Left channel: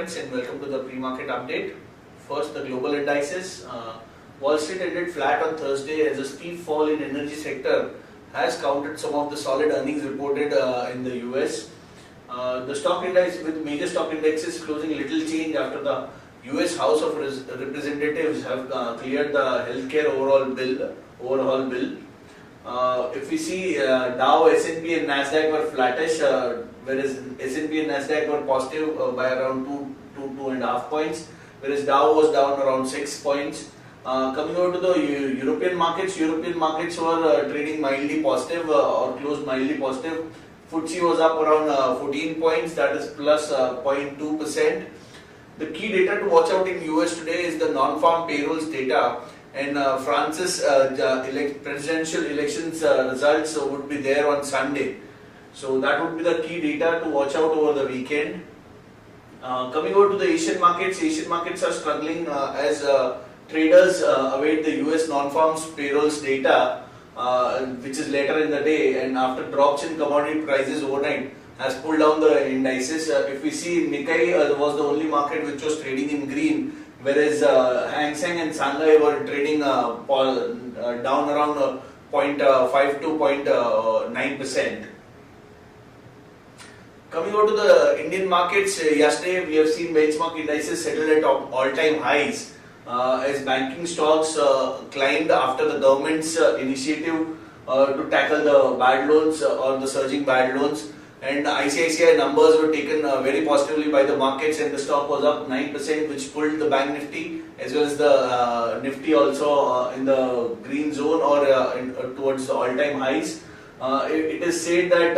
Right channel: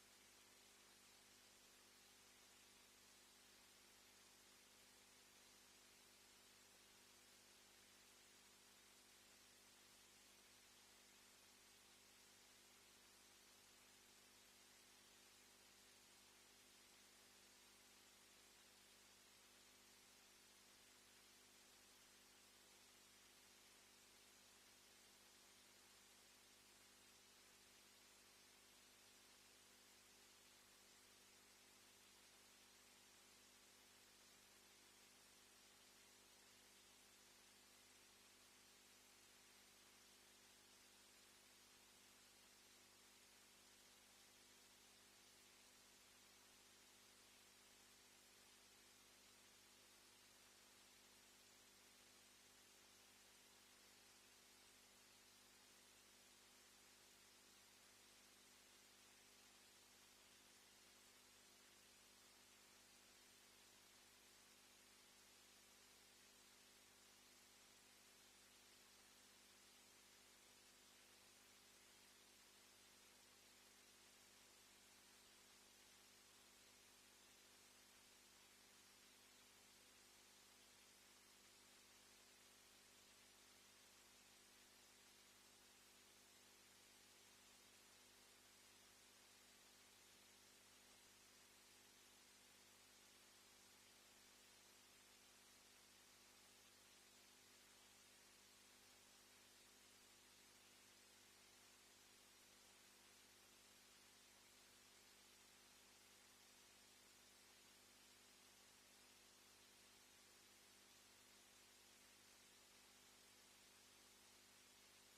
friends, and welcome to the pre-market update. First, the global indices. Wall Street ended flat on Thursday as a steep fall in energy sector has countered some of the solid earnings reported in the US. The stock index with major stock indexes closing little change after the US House of Representatives have cleared the healthcare overhaul bill. If we see Dow, S&P and Nasdaq were flattish, whereas S&P and Nasdaq were positive by around 2.5 points, whereas Dow was down around 6 points. Coming over to the European markets were trading mildly positive or closed mildly positive. FTSE was up around 14 points, that is plus 0.2%. The key data to watch out in US today is the non-farm payrolls data, and France's presidential elections results would be there on Sunday. So that would be the key data to watch out over the weekend. Coming over to the Asian markets are struggling as traders await the US non-farm payrolls data, which is later in the day, and after drops in commodity prices overnight has pulled down the indices. If we see Nikkei was the only market which was trading in green, whereas Hang Seng and Shanghai were trading down around 0.5 to 0.9%. Coming over to the Indian markets, yesterday we have seen benchmark indices settled at all-time highs as banking stocks climbed after the government's initiative to tackle the bad loans or the surging bad loans. And ICICI numbers were taken very positively by the markets, and the stock was up 9%, which pulled the bank nifty as well as the nifty also in the green zone or towards the all-time highs. It is said that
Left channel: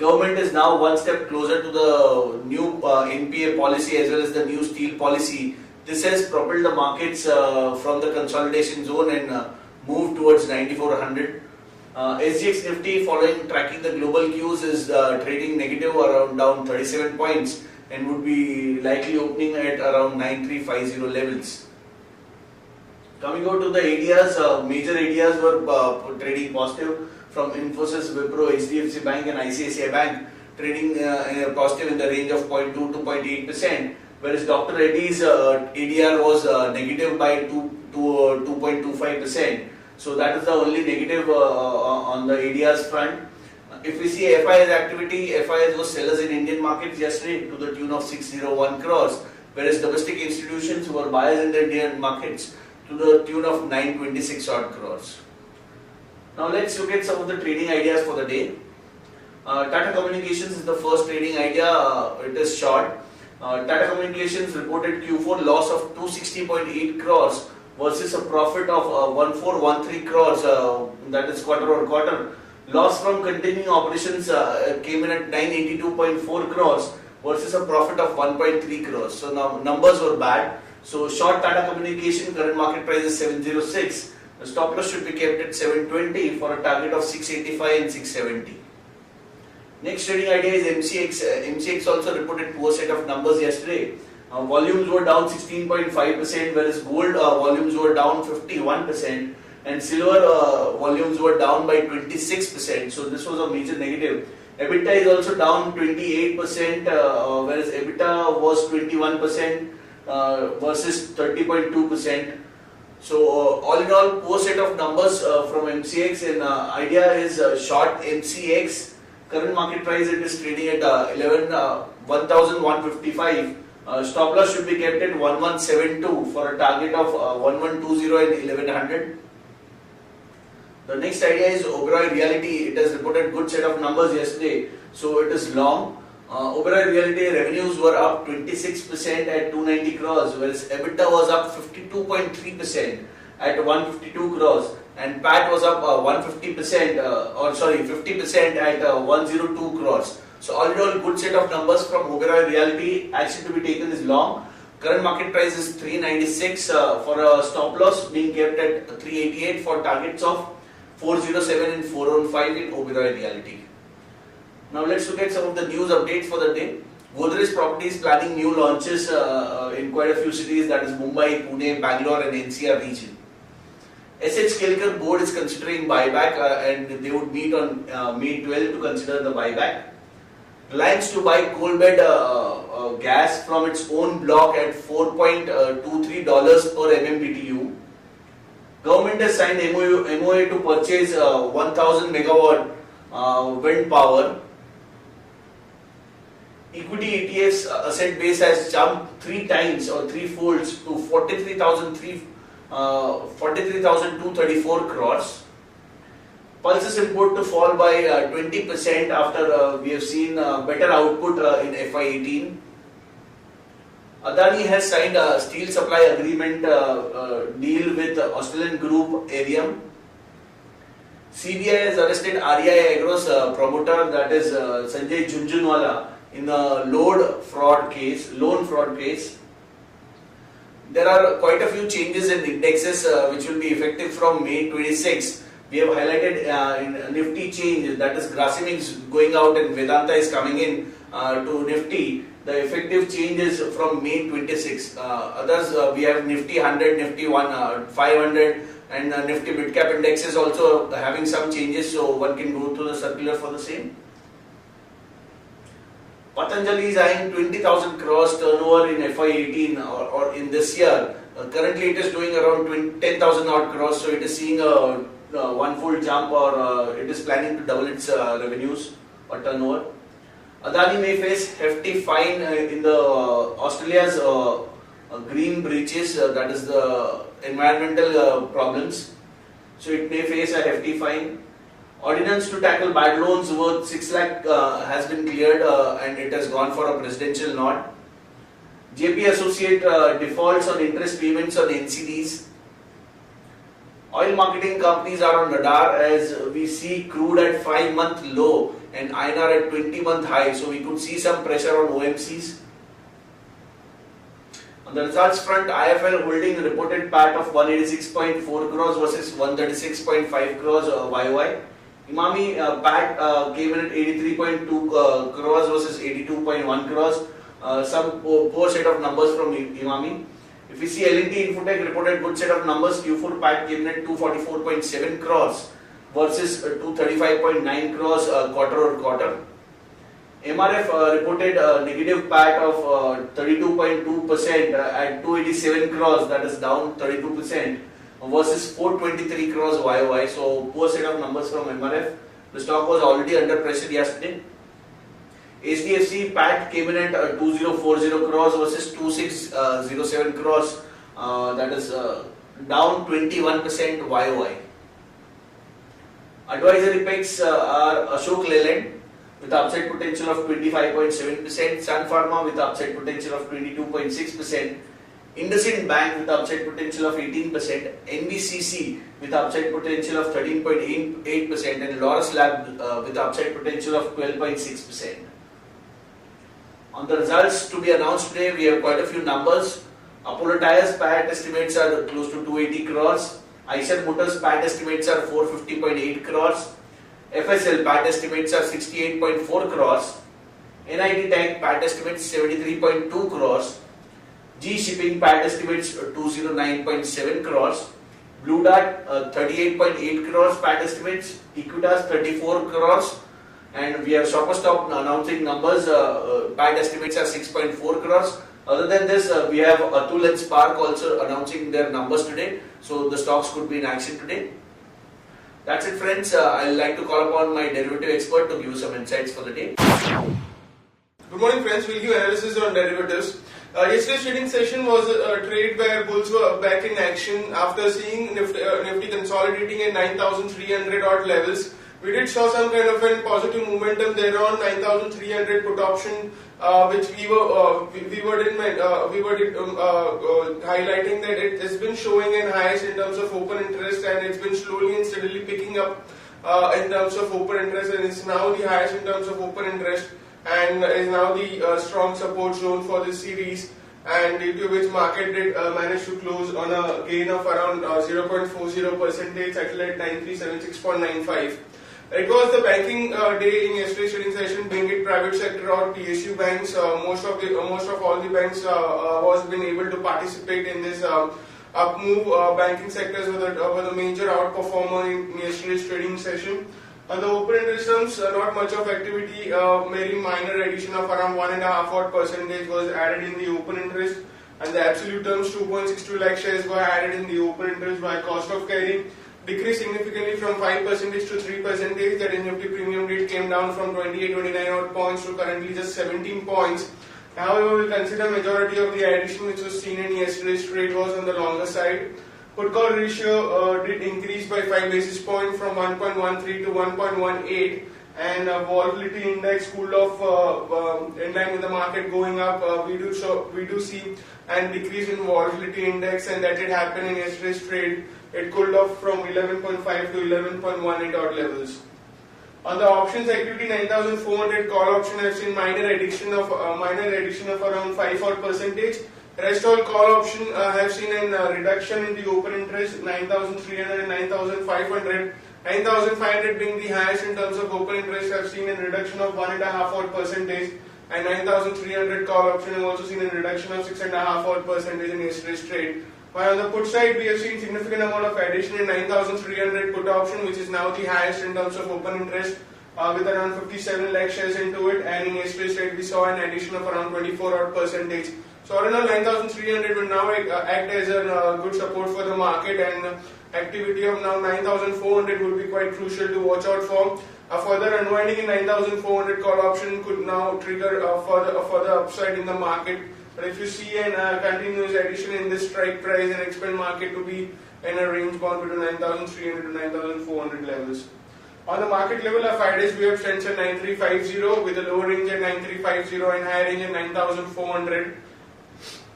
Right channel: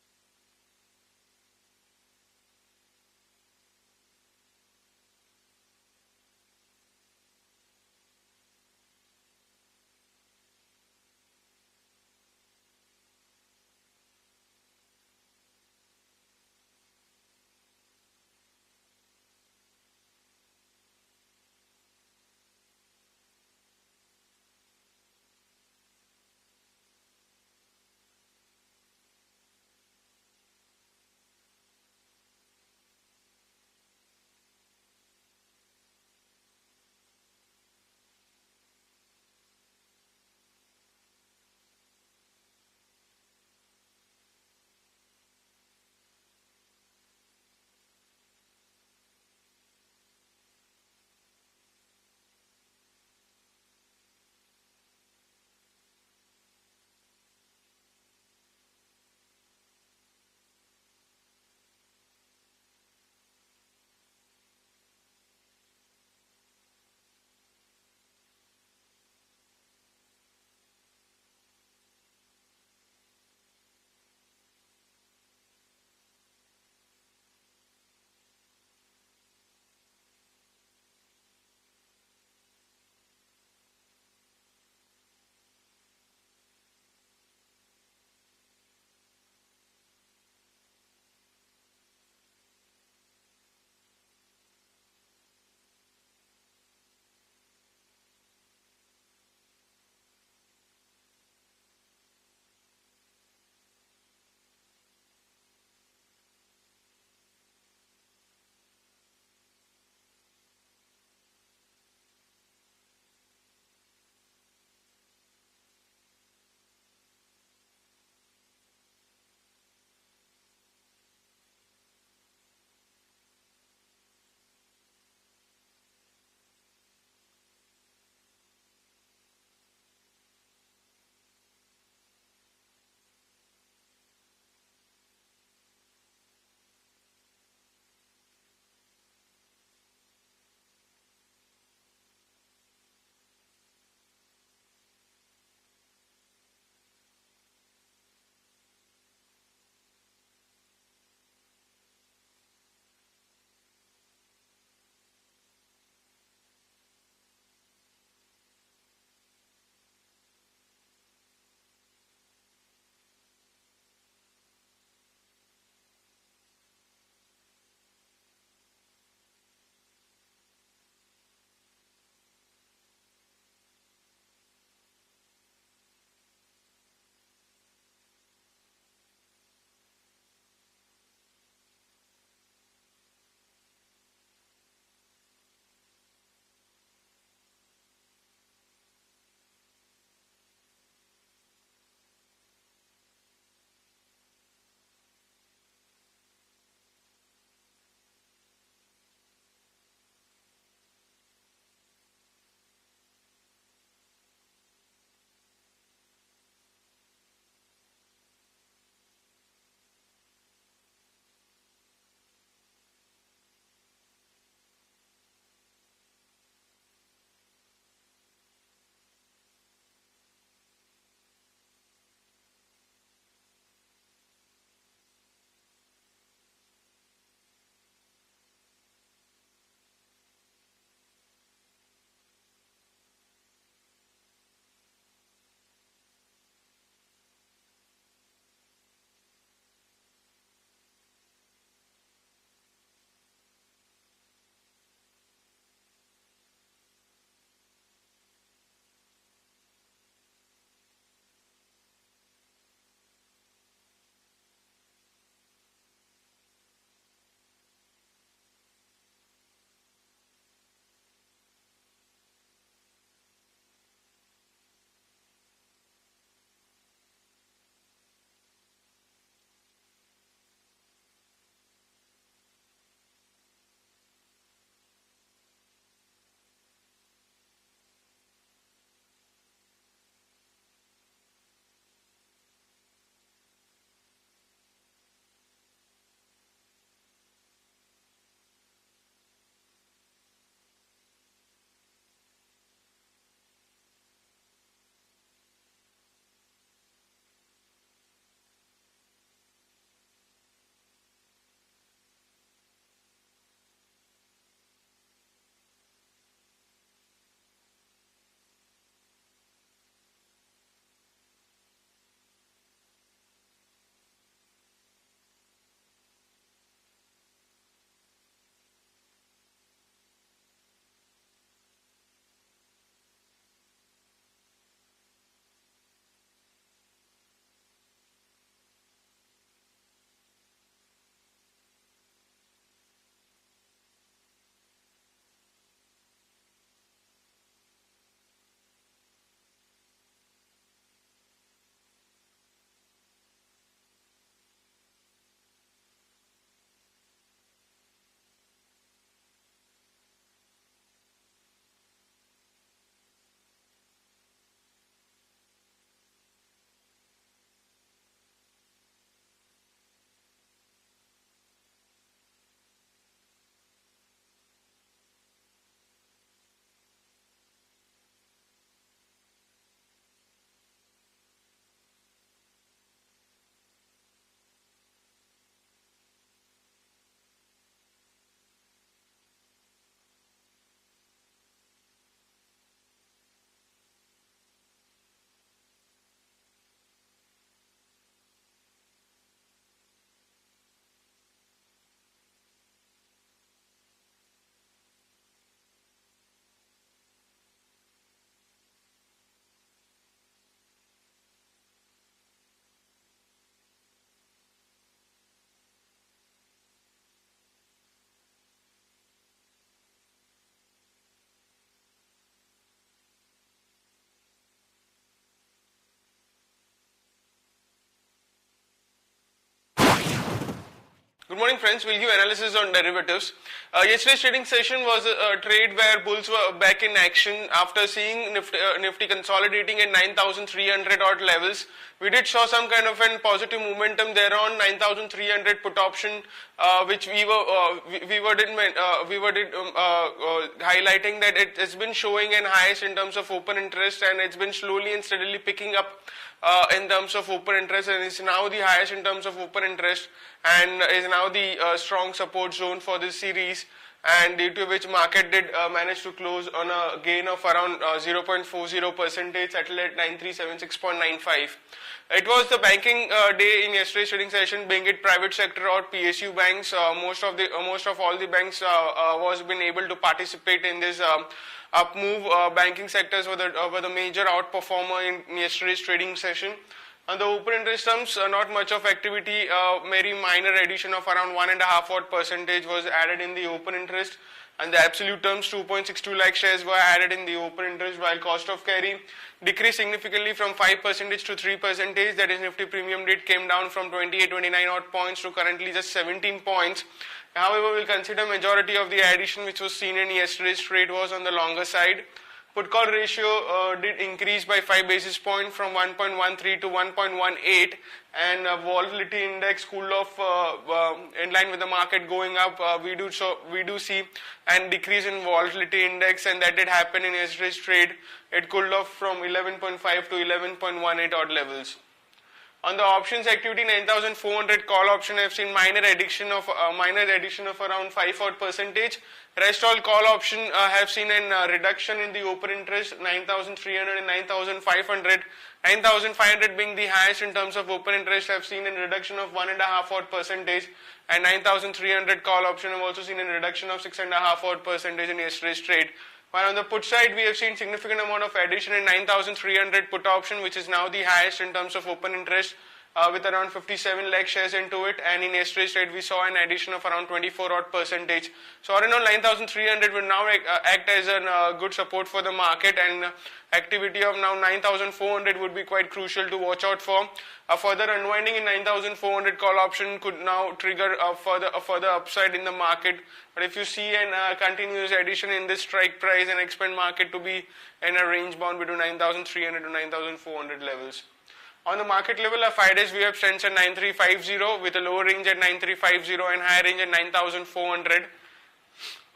government is now one step closer to the new NPA policy as well as the new steel policy. This has propelled the markets from the consolidation zone and moved towards 9400. SGX Nifty, following tracking the global cues, is trading negative around down 37 points and would be likely opening at around 9350 levels. Coming out to the areas, major areas were trading positive from Infosys, Wipro, HDFC Bank and ICICI Bank, trading positive in the range of 0.2 to 0.8%, whereas Dr. Reddy's ADR was negative by 2.25%. So that is the only negative on the ADR's front. If we see FIS activity, FIS was sellers in Indian markets yesterday to the tune of 601 crores, whereas domestic institutions were buyers in the Indian markets to the tune of 926 odd crores. Now let's look at some of the trading ideas for the day. Tata Communications is the first trading idea. It is short. Tata Communications reported Q4 loss of 260.8 crores versus a profit of 1413 crores, that is quarter on quarter. Loss from continuing operations came in at 982.4 crores versus a profit of 1.3 crores. So now numbers were bad. So short Tata Communication, current market price is 706. The stop loss should be kept at 720 for a target of 685 and 670. Next trading idea is MCX. MCX also reported poor set of numbers yesterday. Volumes were down 16.5%, whereas gold volumes were down 51%, and silver volumes were down by 26%. So this was a major negative. EBITDA is also down 28%, whereas EBITDA was 21% versus 30.2%. So all in all, poor set of numbers from MCX, and idea is short MCX. Current market price, it is trading at 11,155. Stop loss should be kept at 1172 for a target of 1120 and 1100. The next idea is Oberoi Realty. It has reported good set of numbers yesterday, so it is long. Oberoi Realty revenues were up 26% at 290 crores, whereas EBITDA was up 52.3% at 152 crores, and PAT was up 50% at 102 crores. So all in all, good set of numbers from Oberoi Realty. Action to be taken is long. Current market price is 396 for a stop loss being kept at 388 for targets of 407 and 415 in Oberoi Realty. Now let's look at some of the news updates for the day. Godrej Properties planning new launches in quite a few cities, that is Mumbai, Pune, Bangalore and NCR region. SH Kelkar board is considering buyback and they would meet on May 12 to consider the buyback. Reliance to buy coal bed gas from its own block at $4.23 per MMBTU. Government has signed MOA to purchase 1000 megawatt wind power. Equity ETF's asset base has jumped 3 times or 3 folds to 43,234 crores. Pulses import to fall by 20% after we have seen better output in FY18. Adani has signed a steel supply agreement deal with Australian group Arium. CBI has arrested REI Agro's promoter, that is Sanjay Jhunjhunwala, in a loan fraud case. There are quite a few changes in indexes which will be effective from May 26. We have highlighted in Nifty change, that is Grasim is going out and Vedanta is coming in to Nifty. The effective change is from May 26. Others we have Nifty 100, Nifty 500 and Nifty Midcap Index is also having some changes, so one can go through the circular for the same. Patanjali is eyeing 20,000 crores turnover in FY18 or in this year. Currently it is doing around 10,000 odd crores, so it is seeing a one-fold jump, or it is planning to double its revenues or turnover. Adani may face hefty fine in the Australia's green breaches, that is the environmental problems. So it may face a hefty fine. Ordinance to tackle bad loans worth 6 lakh has been cleared and it has gone for a presidential nod. JP Associate defaults on interest payments on NCDs. Oil marketing companies are on radar as we see crude at 5-month low and INR at 20-month high, so we could see some pressure on OMCs. On the results front, IFL Holding reported PAT of 186.4 crores versus 136.5 crores YOY. Emami PAT came in at 83.2 crores versus 82.1 crores. Some poor set of numbers from Emami. If we see L&T Infotech reported good set of numbers, Q4 PAT came in at 244.7 crores versus 235.9 crores quarter over quarter. MRF reported a negative PAT of 32.2% at 287 crores, that is down 32% versus 423 crores YOY. So poor set of numbers from MRF. The stock was already under pressure yesterday. HDFC PAT came in at 2040 crores versus 2607 crores, that is down 21% YOY. Advisory picks are Ashok Leyland with upside potential of 25.7%, Sun Pharma with upside potential of 22.6%, IndusInd Bank with upside potential of 18%, NBCC with upside potential of 13.8% and Laurus Lab with upside potential of 12.6%. On the results to be announced today, we have quite a few numbers. Apollo Tyres PAT estimates are close to 280 crores. Eicher Motors PAT estimates are 450.8 crores. FSL PAT estimates are 68.4 crores. NIT Tech PAT estimates 73.2 crores. G Shipping PAT estimates 209.7 crores. Blue Dart 38.8 crores PAT estimates. Equitas 34 crores. And we have Shoppers Stop announcing numbers. PAT estimates are 6.4 crores. Other than this, we have Atul and Spark also announcing their numbers today. So the stocks could be in action today. That's it, friends. I'd like to call upon my derivative expert to give you some insights for the day. Good morning, friends. We'll give analysis on derivatives. Yesterday's trading session was a trade where bulls were back in action after seeing Nifty consolidating at 9,300 odd levels. We did show some kind of a positive momentum there on 9,300 put option, which we were highlighting that it has been showing an highest in terms of open interest, and it's been slowly and steadily picking up in terms of open interest, and it's now the highest in terms of open interest, and is now the strong support zone for this series, and due to which market did manage to close on a gain of around 0.40%, settled at 9376.95. It was the banking day in yesterday's trading session, being it private sector or PSU banks. Most of all the banks was been able to participate in this up move. Banking sectors were the major outperformer in yesterday's trading session. On the open interest terms, not much of activity, very minor addition of around 1.5% was added in the open interest, and the absolute terms 2.62 lakh shares were added in the open interest, while cost of carry decreased significantly from 5% to 3%. That is, Nifty premium rate came down from 28-29 odd points to currently just 17 points. However, we will consider majority of the addition which was seen in yesterday's trade was on the longer side. Put call ratio did increase by 5 basis points from 1.13 to 1.18, and volatility index cooled off in line with the market going up. We do see an decrease in volatility index, and that did happen in yesterday's trade. It cooled off from 11.5 to 11.18 odd levels. On the options activity, 9,400 call option have seen minor addition of around 5 odd percentage. Rest all call option have seen a reduction in the open interest, 9,300 and 9,500. 9,500 being the highest in terms of open interest have seen a reduction of 1.5 odd percentage, and 9,300 call option have also seen a reduction of 6.5 odd percentage in yesterday's trade. While on the put side, we have seen significant amount of addition in 9,300 put option, which is now the highest in terms of open interest, with around 57 lakh shares into it, and in yesterday's trade we saw an addition of around 24 odd percentage. So around 9,300 will now act as a good support for the market, and activity of now 9,400 would be quite crucial to watch out for. A further unwinding in 9,400 call option could now trigger a further upside in the market. But if you see a continuous addition in this strike price and expect market to be in a range bound between 9,300 to 9,400 levels. On the market level, our 5 days we have trends at 9,350 with a lower range at 9,350 and higher range at 9,400.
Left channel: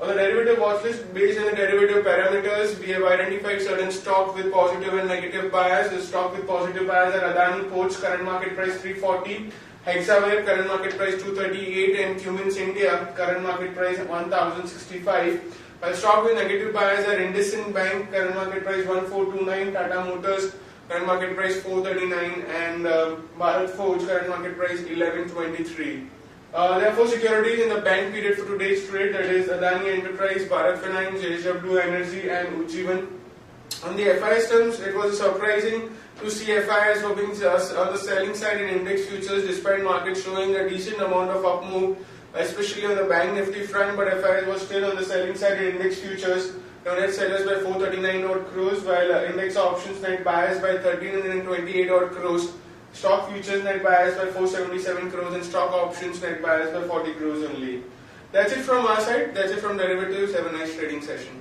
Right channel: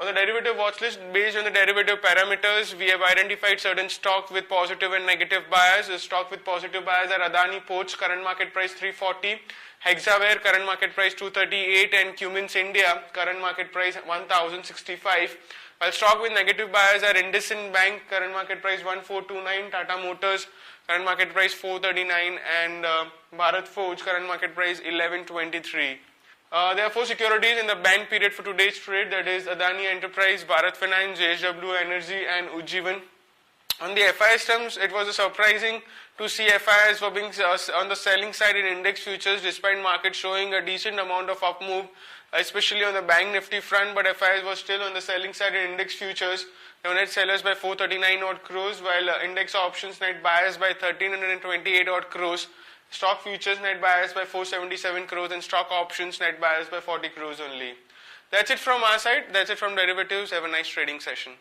On the derivative watch list, based on the derivative parameters, we have identified certain stocks with positive and negative bias. The stock with positive bias are Adani Ports, current market price 340, Hexaware, current market price 238, and Cummins India, current market price 1065. While stock with negative bias are IndusInd Bank, current market price 1429, Tata Motors, current market price 439, and Bharat Forge, current market price 1123. There are 4 securities in the bank period for today's trade, that is Adani Enterprise, Bharat Finance, JSW Energy, and Ujjivan. On the FIS terms, it was surprising to see FIS were being on the selling side in index futures, despite market showing a decent amount of up move, especially on the bank Nifty front, but FIS was still on the selling side in index futures. Net sellers by 439 odd crores, while index options net buyers by 1328 odd crores. Stock futures net buyers by 477 crores, and stock options net buyers by 40 crores only. That's it from our side. That's it from derivatives. Have a nice trading session.